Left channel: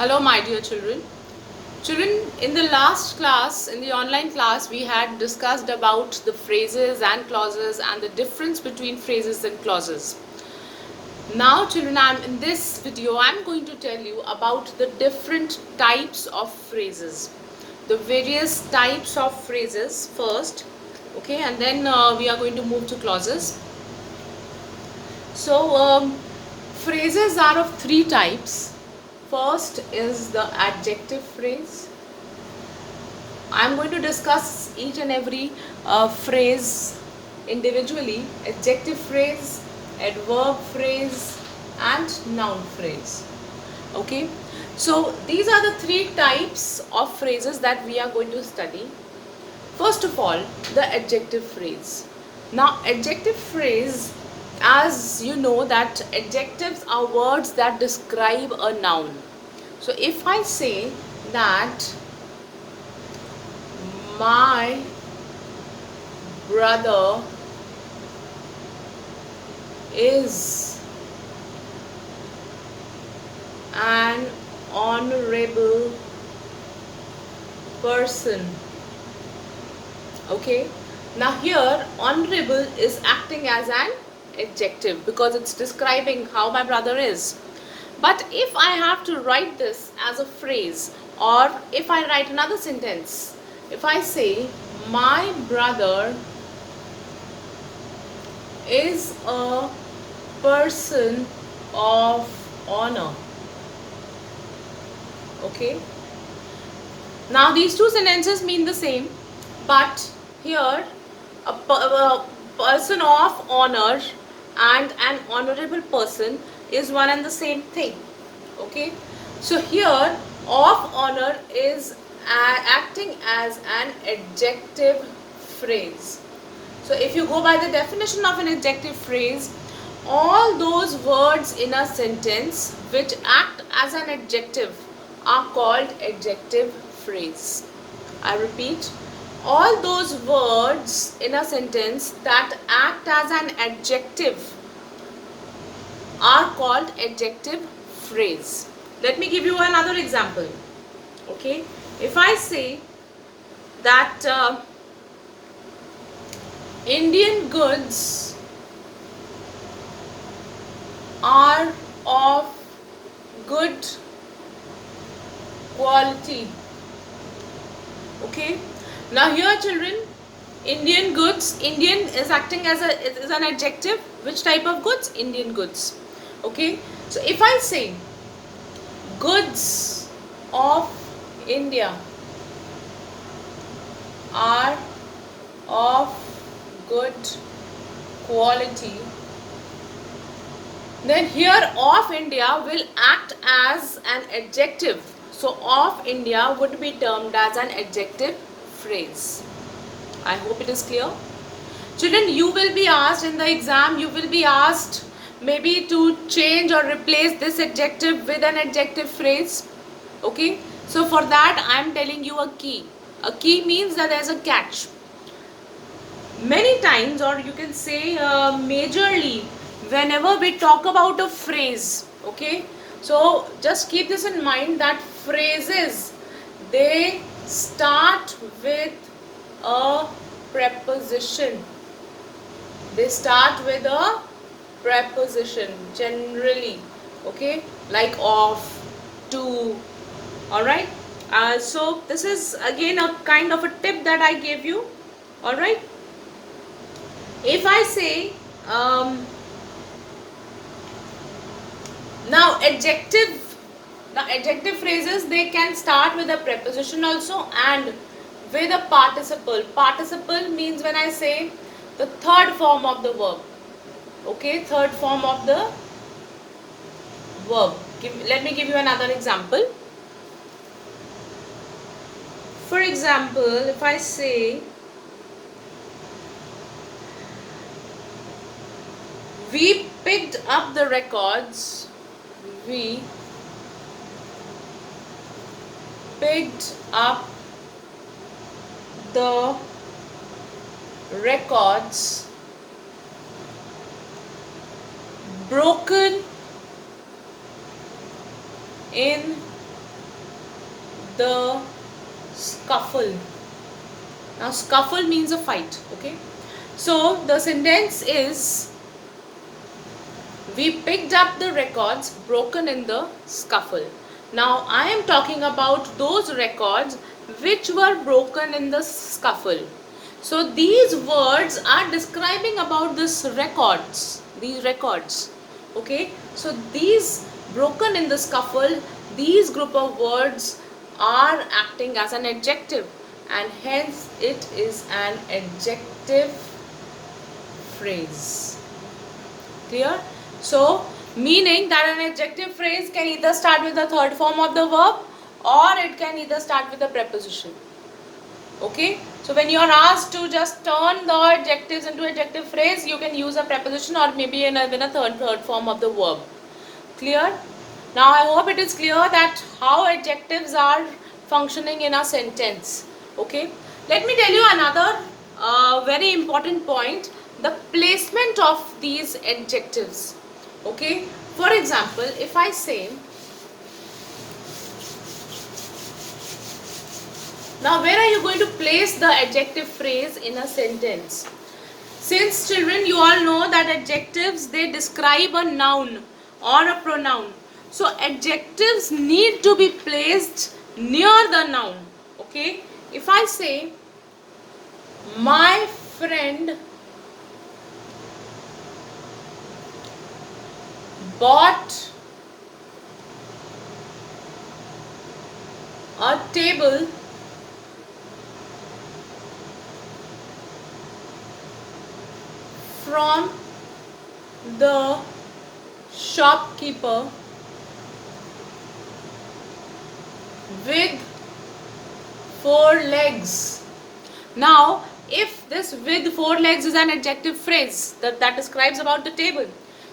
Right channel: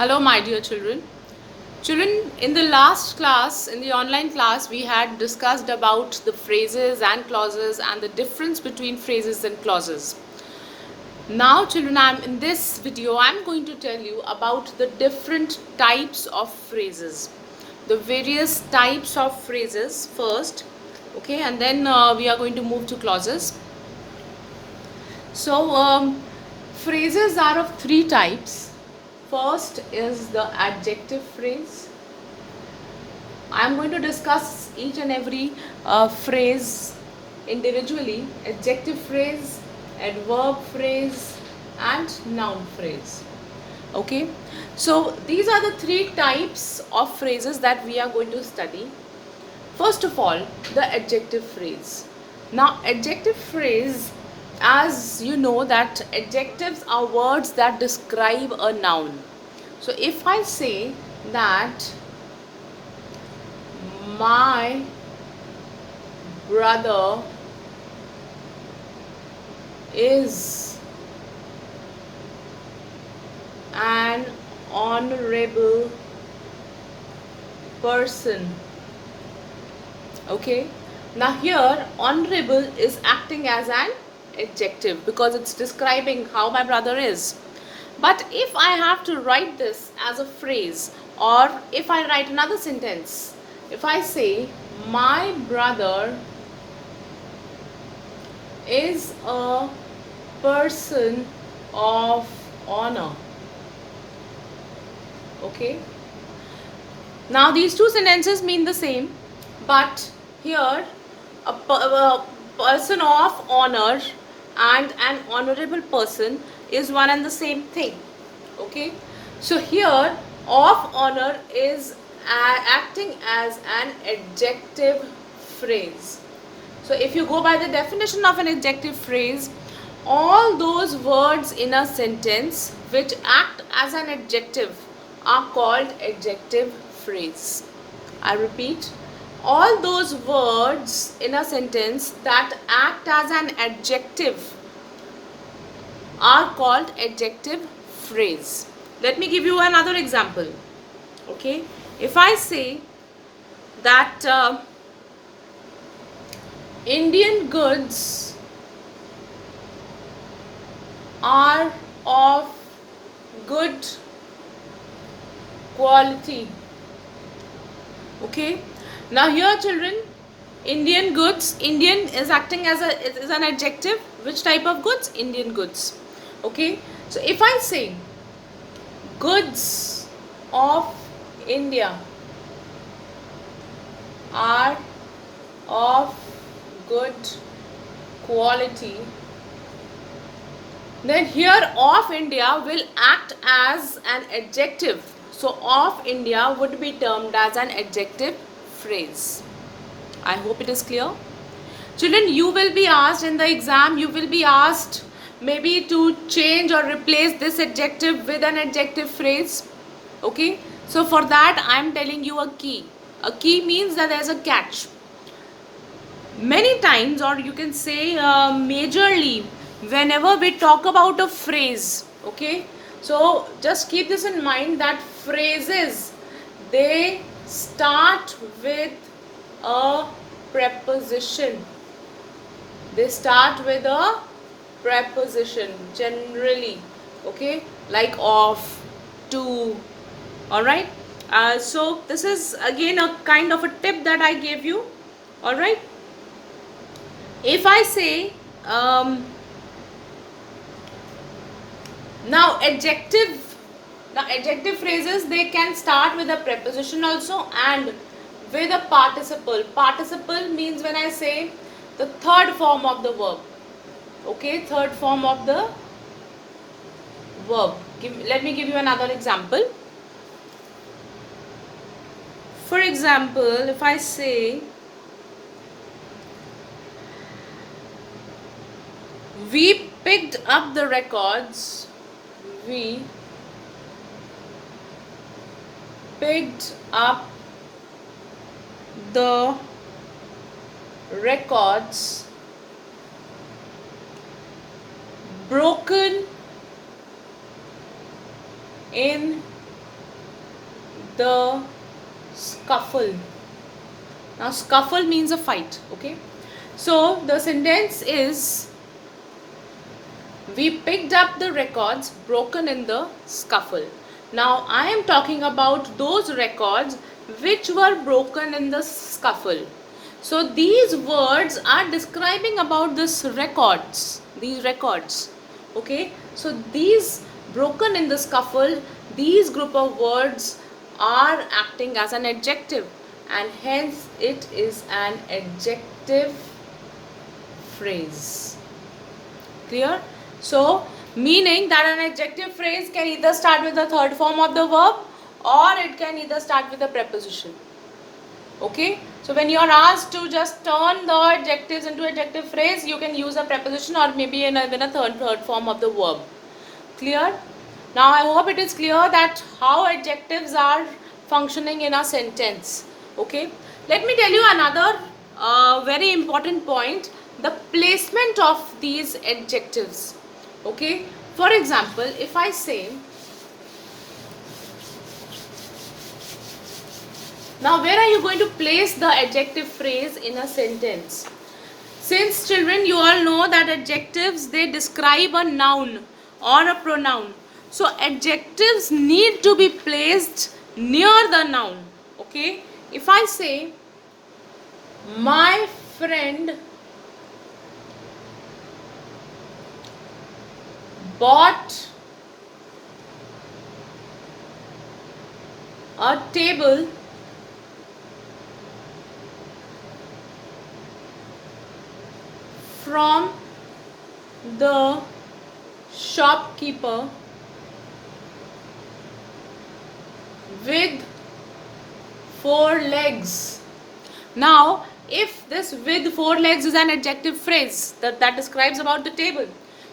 Hello, my dear children. Children, in the last class, in the online class, we had discussed about the phrases and clauses and the difference between phrases and clauses. Now, children, in this video, I'm going to tell you about the different types of phrases. The various types of phrases first, okay, and then we are going to move to clauses. So, phrases are of three types. First is the adjective phrase. I'm going to discuss each and every phrase individually. Adjective phrase, adverb phrase, and noun phrase. Okay, so these are the three types of phrases that we are going to study. First of all, the adjective phrase. Now, adjective phrase, as you know, that adjectives are words that describe a noun. So, if I say that my brother is an honorable person. Okay, now here honorable is acting as an adjective because it's describing how my brother is. But if I have to write this as a phrase, or if I write another sentence, if I say my brother is a person of honor. Okay, now these two sentences mean the same, but here a person of honor and an honorable person is one and the same thing. Okay, so here of honor is acting as an adjective phrase. So if you go by the definition of an adjective phrase, all those words in a sentence which act as an adjective are called adjective phrase. I repeat, all those words in a sentence that act as an adjective are called adjective phrase. Let me give you another example. Okay, if I say that Indian goods are of good quality. Okay, now here children, Indian goods, Indian is acting as an adjective. Which type of goods? Indian goods. Okay, so if I say goods of India are of good quality, then here of India will act as an adjective. So of India would be termed as an adjective phrase. I hope it is clear. Children, you will be asked in the exam, you will be asked maybe to change or replace this adjective with an adjective phrase. Okay, so for that I am telling you a key. A key means that there is a catch. Many times, or you can say majorly, whenever we talk about a phrase, okay, so just keep this in mind that phrases, they start with a preposition. They start with a preposition generally, okay, like of, to. All right, so this is again a kind of a tip that I gave you. All right, if I say now adjective phrases, they can start with a preposition also and with a participle. Participle means when I say the third form of the verb. Okay, third form of the verb. Let me give you another example. For example, if I say we picked up the records, we picked up the records broken in the scuffle. Now scuffle means a fight, okay? So the sentence is, we picked up the records broken in the scuffle. Now I am talking about those records which were broken in the scuffle. So these words are describing about these records. Okay, so these broken in the scuffle, these group of words are acting as an adjective, and hence it is an adjective phrase. Clear? So, meaning that an adjective phrase can either start with the third form of the verb, or it can either start with a preposition. Okay? So, when you are asked to just turn the adjectives into adjective phrase, you can use a preposition or maybe in a third form of the verb. Clear? Now, I hope it is clear that how adjectives are functioning in a sentence. Okay? Let me tell you another very important point, the placement of these adjectives. Okay? For example, if I say, now where are you going to place the adjective phrase in a sentence? Since children, you all know that adjectives, they describe a noun or a pronoun. So adjectives need to be placed near the noun. Okay? If I say, my friend bought a table from the shopkeeper with 4 legs. Now, if this with 4 legs is an adjective phrase that describes about the table,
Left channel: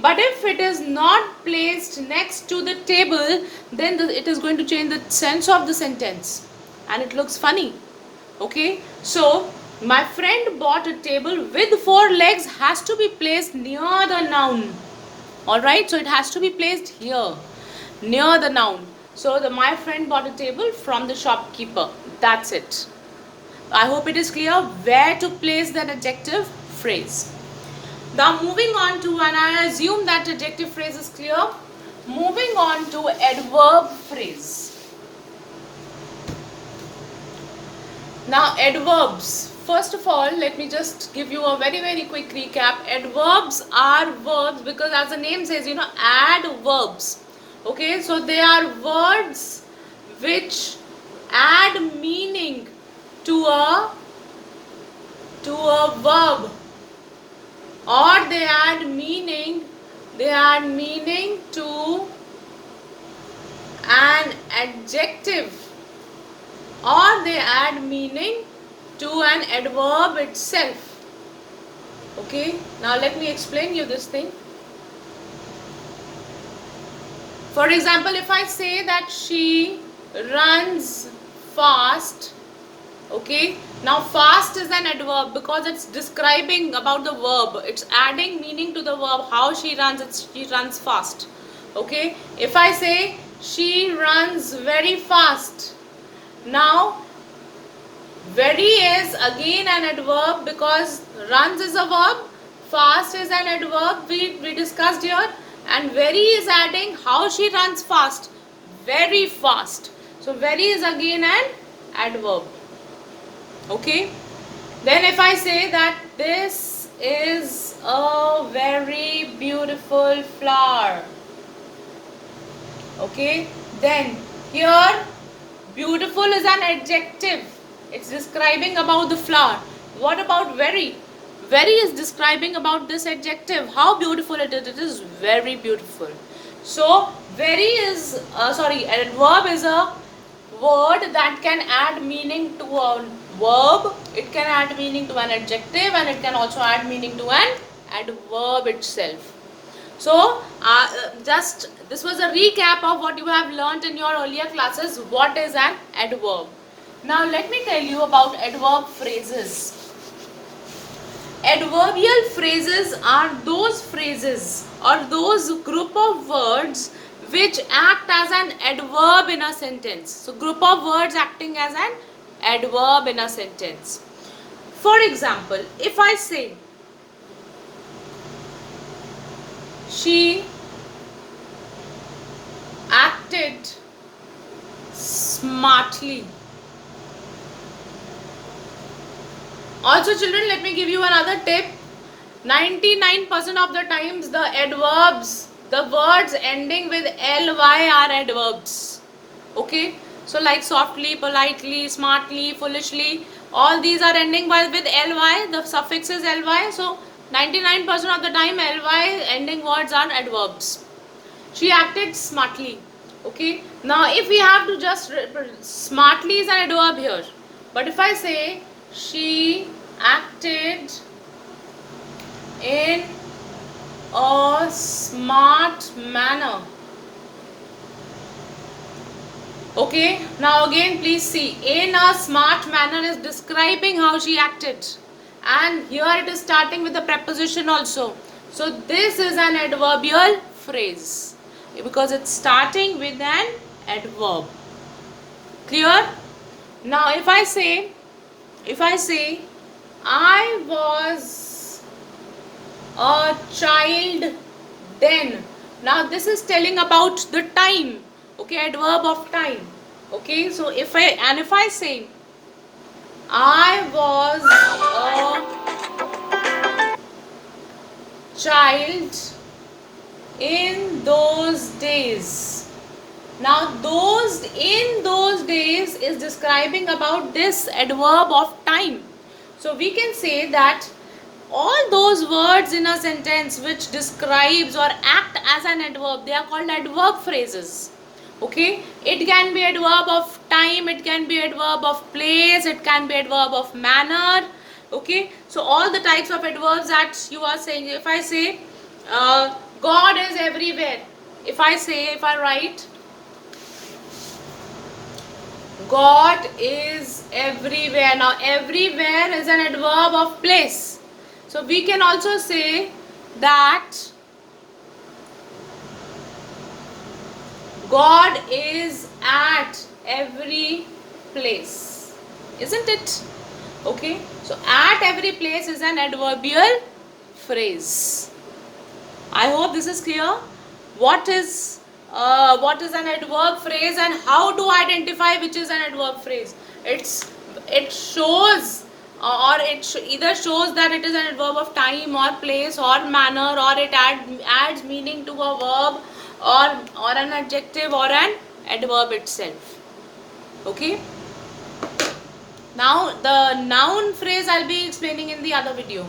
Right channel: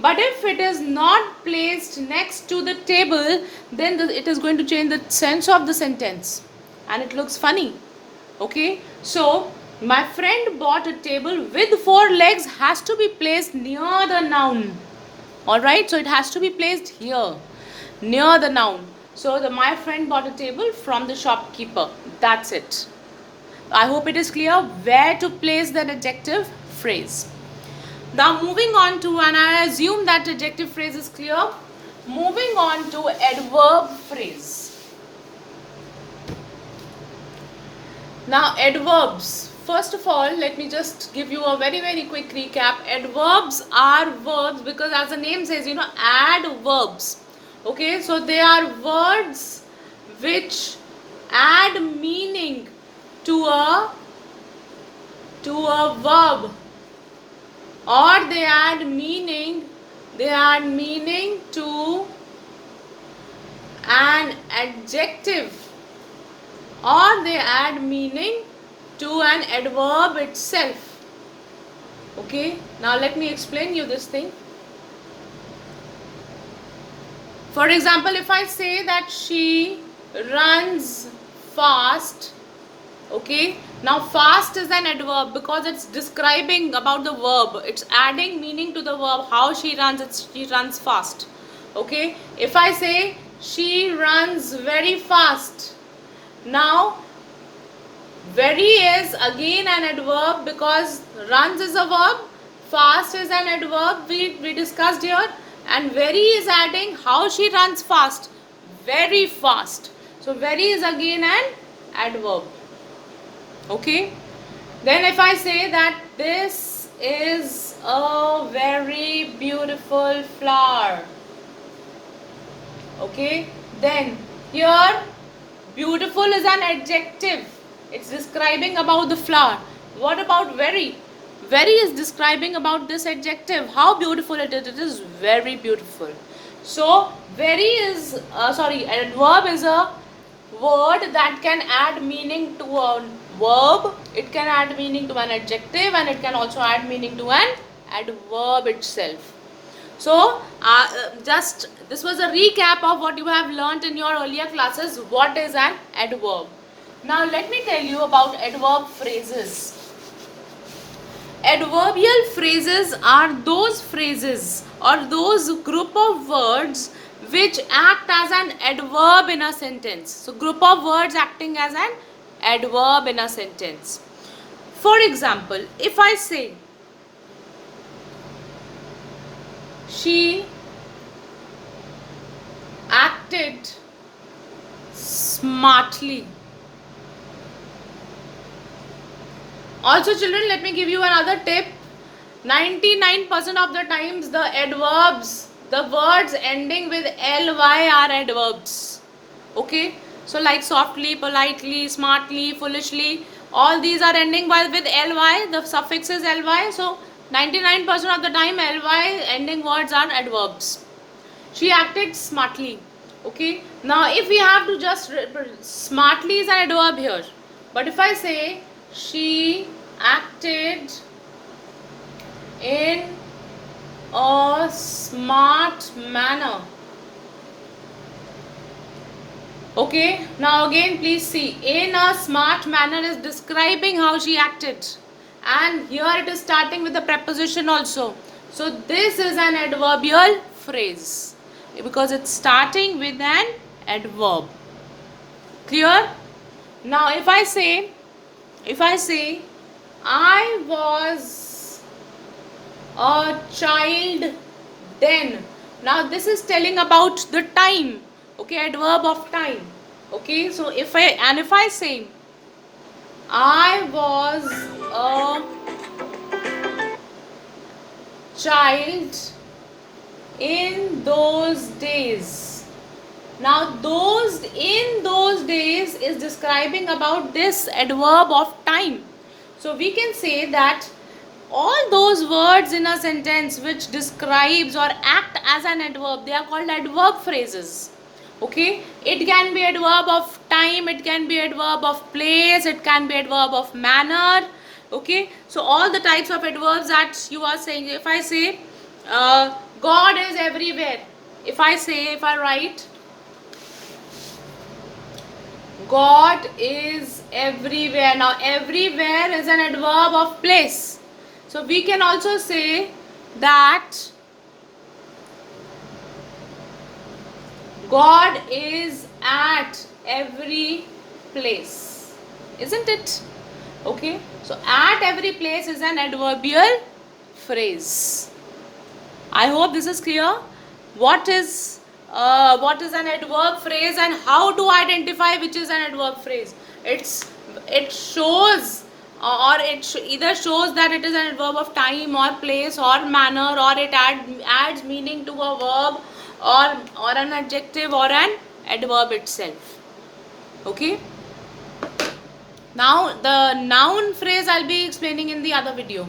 but if it is not placed next to the table, then it is going to change the sense of the sentence and it looks funny. Okay, so my friend bought a table with 4 legs has to be placed near the noun. Alright, so it has to be placed here, near the noun. So my friend bought a table from the shopkeeper. That's it. I hope it is clear where to place the adjective phrase. Now moving on to, and I assume that adjective phrase is clear, moving on to adverb phrase. Now adverbs, first of all, let me just give you a very quick recap. Adverbs are verbs because as the name says, add verbs. Okay, so they are words which add meaning to a verb, or they add meaning to an adjective, or they add meaning to an adverb itself. Okay, now let me explain you this thing. For example, if I say that she runs fast, okay, now fast is an adverb because it's describing about the verb, it's adding meaning to the verb, how she runs, she runs fast. Okay, if I say she runs very fast, now very is again an adverb because runs is a verb, fast is an adverb we discussed here, and very is adding how she runs fast, very fast. So very is again an adverb. Okay, then if I say that this is a very beautiful flower, okay, then here beautiful is an adjective, it's describing about the flower. What about very? Very is describing about this adjective, how beautiful it is very beautiful. So very is adverb is a word that can add meaning to a verb, it can add meaning to an adjective, and it can also add meaning to an adverb itself. So this was a recap of what you have learnt in your earlier classes, what is an adverb. Now let me tell you about adverb phrases. Adverbial phrases are those phrases or those group of words which act as an adverb in a sentence. So group of words acting as an adverb in a sentence. For example, if I say she acted smartly. Also children, let me give you another tip. 99% of the times the adverbs, the words ending with ly are adverbs. Okay, so like softly, politely, smartly, foolishly, all these are ending with ly, the suffix is ly. So 99% of the time ly ending words are adverbs. She acted smartly. Okay, now if we have to just smartly is an adverb here, but if I say she acted in a smart manner. Okay, now again please see, in a smart manner is describing how she acted, and here it is starting with the preposition also. So this is an adverbial phrase because it's starting with an adverb. Clear? Now if I say I was a child then. Now this is telling about the time. Okay, adverb of time. Okay, so if I say I was a child in those days. Now those days is describing about this adverb of time. So we can say that all those words in a sentence which describes or act as an adverb, they are called adverb phrases. Okay, it can be adverb of time, it can be adverb of place, it can be adverb of manner. Okay, so all the types of adverbs that you are saying. If I say God is everywhere, if I write God is everywhere. Now everywhere is an adverb of place. So we can also say that God is at every place. Isn't it? Okay. So at every place is an adverbial phrase. I hope this is clear. What is an adverb phrase and how to identify which is an adverb phrase? It shows either shows that it is an adverb of time or place or manner, or it adds meaning to a verb or an adjective or an adverb itself. Okay. Now the noun phrase I'll be explaining in the other video.